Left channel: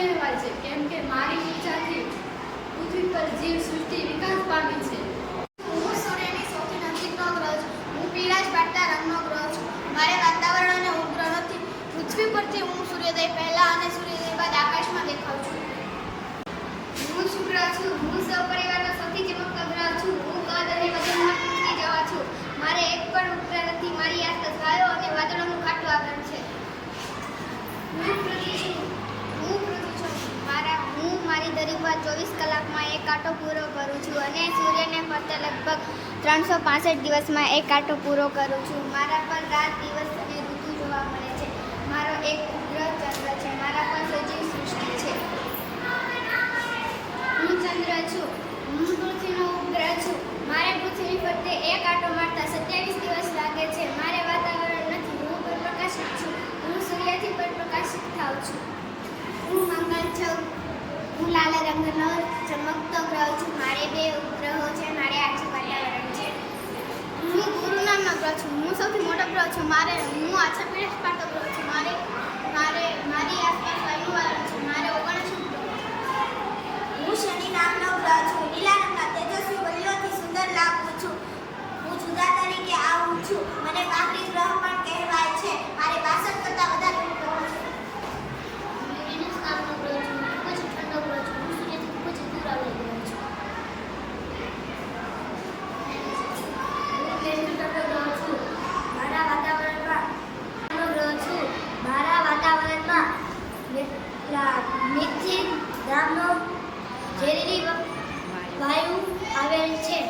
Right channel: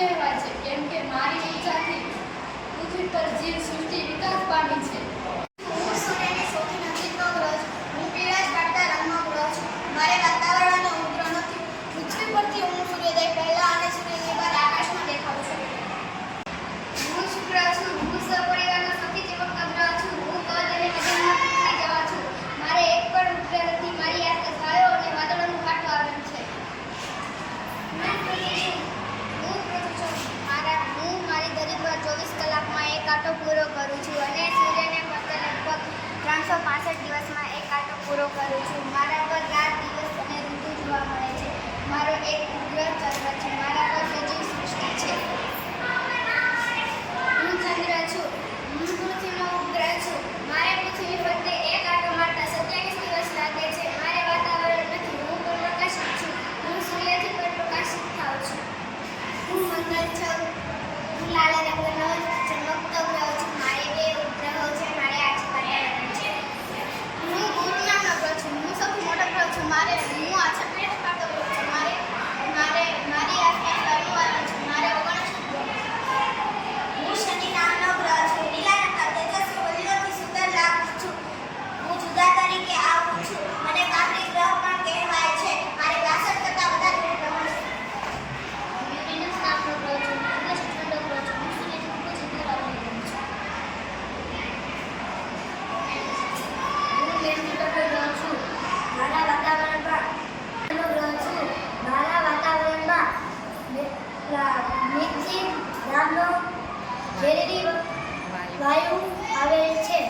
કહેવાય છે કેમ કે મારી ઊર્જાથી પૃથ્વી પર જીવ દરિયામાં ચોવીસ કલાકમાં એક આટો પૂરો કરું છું અને સૂર્યને પડતા લગભગ ત્રણસો પાસઠ દિવસમાં એક આટો પૂરો કરું છું. મારા પર રાત, દિવસ અને ઋતુ જોવા મળે છે. મારો એક ઉપગ્રહ ચંદ્ર છે. મારા કાળા રંગનો ચમકતો ગ્રહ છે, મારે બે ઉપગ્રહો છે, મારે આજુબાજુ છે. હું ગુરુ નામનો ગ્રહ છું, હું સૌથી મોટો ગ્રહ છું, મારે, હું આછા પેટ પાટો ગ્રહ છું, મારે મારા વાતાવરણમાં મિથિન નામનો ઝેરી વાયુ આવેલ છે.